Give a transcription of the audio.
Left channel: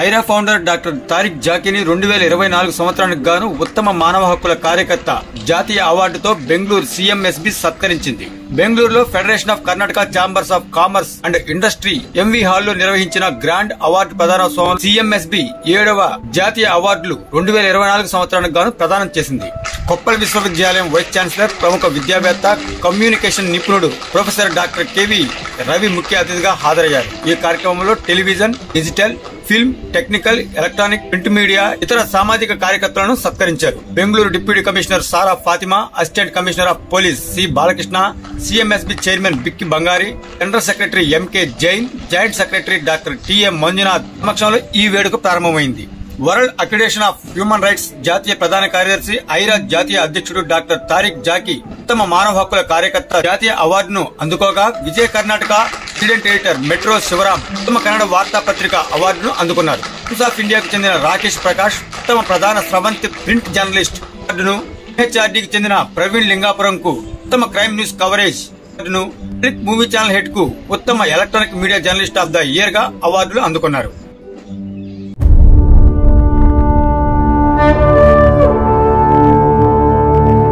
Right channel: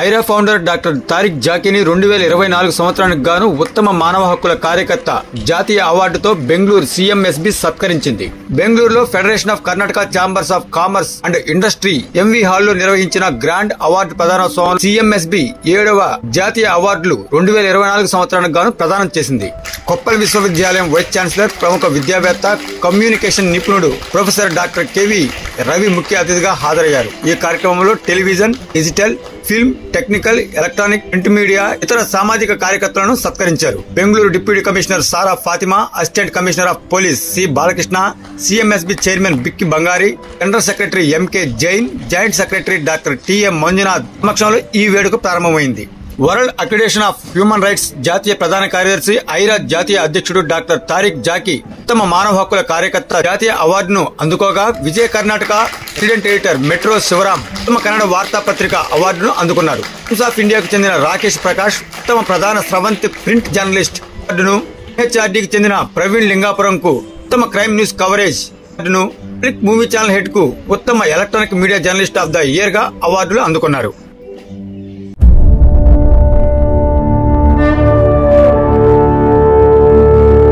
Aira founder doctor Tariq జాకీని 2024 సంవత్సరానికి గాను ఉత్తమ మానవ హక్కుల కార్యకర్త జాతీయ అవార్డుతో బెంగళూరు సిఎంఎస్బి సత్కరించింది. బెంగళూరులో Federation of Karnataka Chambers of Commerce and Industry MV హాల్లో నిర్వహించిన గ్రాండ్ అవార్డు ప్రదానోత్సవం సిఎంఎస్బి 7వ జాతీయ అవార్డులు 2024 సంవత్సరానికి గాను ప్రదానం చేసింది. కొప్పల్ విశ్వవిద్యాలయం వైస్ ఛాన్సలర్, ప్రముఖ విద్యావేత్త, కమ్యూనికేషన్ నిపుణుడు ప్రొఫెసర్ డాక్టర్ కెవి రవి ముఖ్య అతిథిగా హాజరయ్యారు. ఈ కార్యక్రమంలో television, digital, film, technical, electronic, print media, ఇతర సామాజిక కార్యకర్తలను సత్కరించారు. Bengaluru deputy commissioner Sara Fatima, assistant commissioner of police C Balakrishna, CMSB chairman Bikki Bangari, general secretary MK Jain, joint secretary doctor TM Manjunath సమక్షంలో ఈ వేడుక ప్రారంభమైంది. World accreditation of human rights జాతీయ ప్రధాన కార్యదర్శి, ఐరా జాతీయ అధ్యక్షుడు డాక్టర్ తారిక్ జాకీ ఉత్తమ మానవ హక్కుల కార్యకర్త జాతీయ అవార్డును అందుకోగా, Vijaya Karnataka resident editor Metro Shivaram ఉత్తమ కన్నడ వార్తాపత్రిక అవార్డును అందుకున్నారు. టైమ్స్ ఆఫ్ ఇండియాకు చెందిన రాకేష్ ప్రకాష్ ఉత్తమ ప్రధాన స్రవంతి ప్రింట్ జర్నలిస్ట్ అవార్డును, హెచ్ఆర్డీకి చెందిన ప్రవీణ్ లింగాపురంకు ఉత్తమ క్రైమ్ న్యూస్ కవరేజ్ అవార్డును, క్లిక్ మూవీ ఛానల్ హెడ్ కు ఉత్తమ electronic media journalist of the year గా అవార్డులు అందుకున్నారు.